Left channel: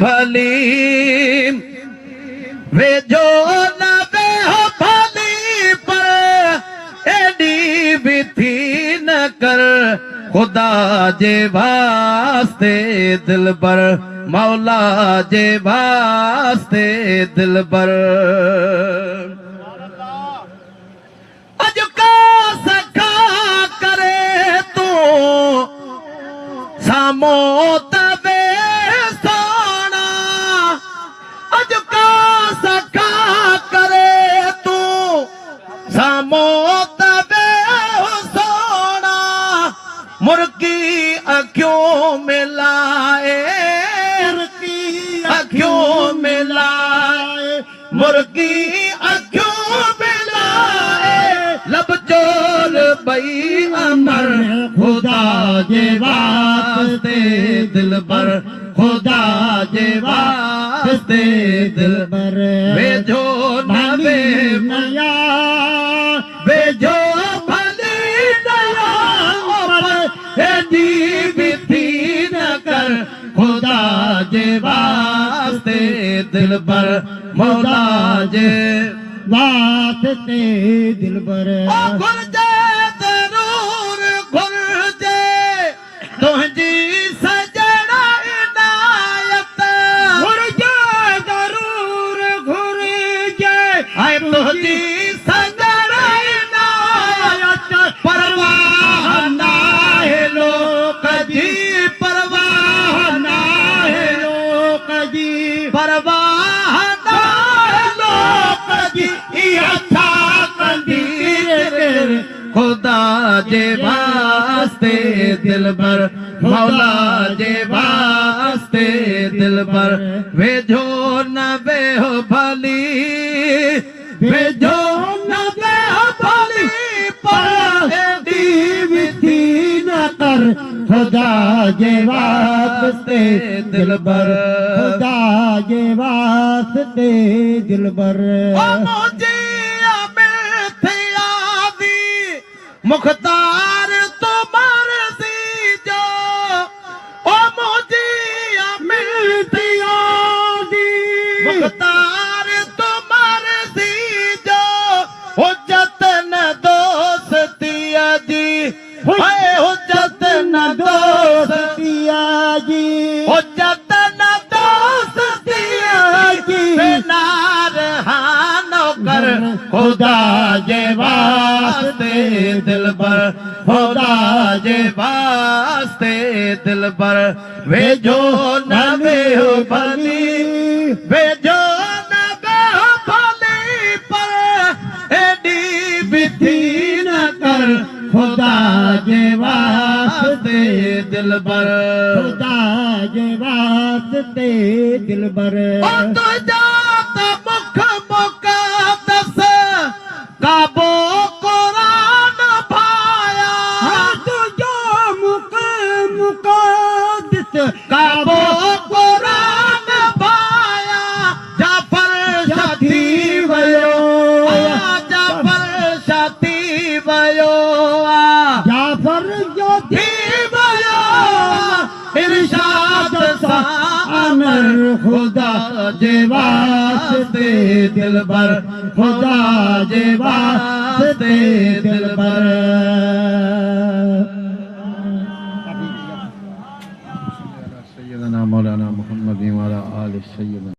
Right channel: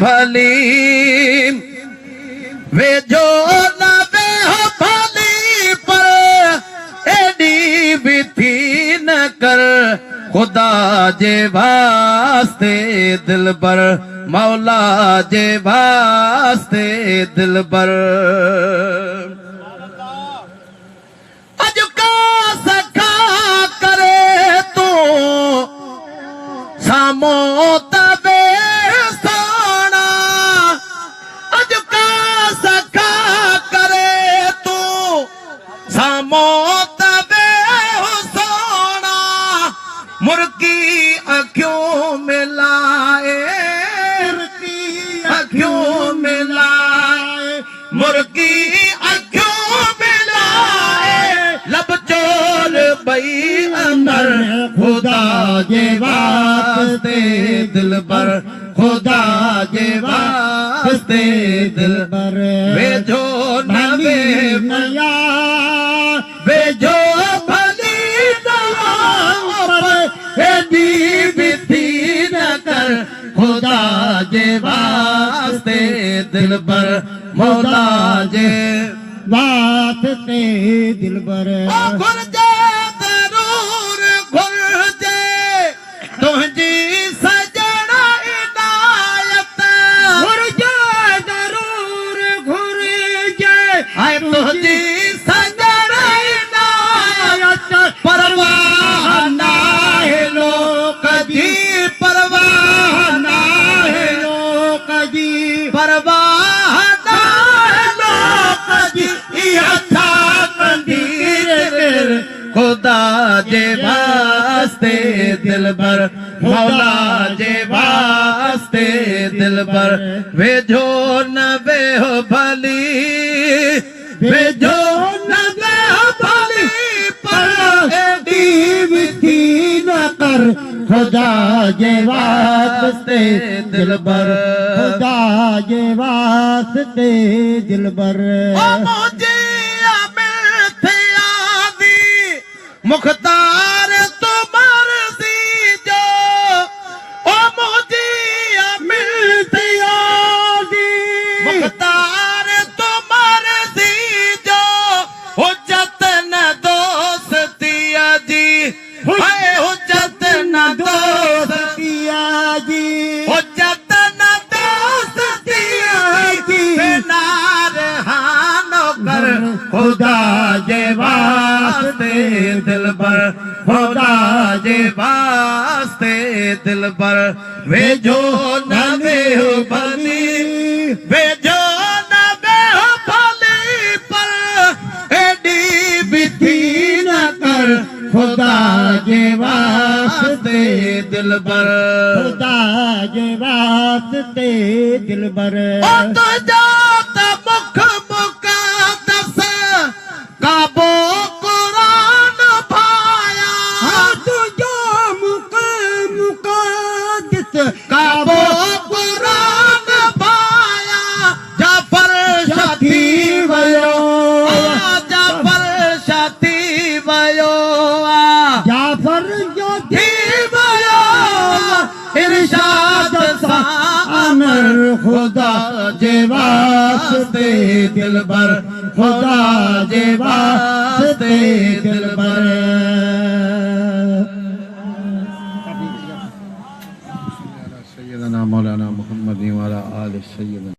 भली वे जो न वे हो भली पर एडी भी थी न कर खुदा जे वास्ते दिलबर मौला जे वास्ते दिलबर अज का सखा करे तू सामो तबे सोना अज का सखा करे तू सामो तबे सोना मुर्गी अखियों में लाए अखियों में लाए मुर्गी अखियों में लाए लब चोर बई अमर खुदा जे वास्ते दिलबर खुदा जे वास्ते दिलबर वे जो न वे नया वे जो भली नया एडी भी थी न कर खुदा जे वास्ते दिलबर मौला जे वास्ते दिलबर घुरजे जरूर घुरजे तुझी सजना इनायत घुरजे जरूर घुरजे आए तुझी सजना इनायत परवाह ना है लोक दी परवाह ना है लोक दी परवाह ना है लोक दी अच्छा कंदीर खुदा जे वास्ते दिलबर मौला जे वास्ते दिलबर वे जो न वे हो भली वे जो न वे हो भली पर एडी भी थी न कर खुदा जे वास्ते दिलबर खुदा जे वास्ते दिलबर मुझे मुख्तार तुम्हार सी जो ओ मुझे मिलती आदि मुख्तार तुम्हार सी जो हो जतन दोस्तिया जी हाय हो जतन दोस्तिया जी हो जतन दोस्तिया जी नार हानो कर खुदा जे वास्ते दिलबर खुदा जे वास्ते दिलबर वे जो न वे हो भली वे जो न वे हो भली पर एडी भी थी न कर खुदा जे वास्ते दिलबर खुदा जे वास्ते दिलबर मुख मुक़द्दस काबो कुरान भाया तुझो मुख मुक़द्दस काबो कुरान भाया जाफर साथी वयो जाफर साथी वयो जाफर साथी वयो इरशाद सा अमर खुदा जे वास्ते दिलबर खुदा जे वास्ते दिलबर सैयदना मौलाना मुहम्मद वाला आले सैयदना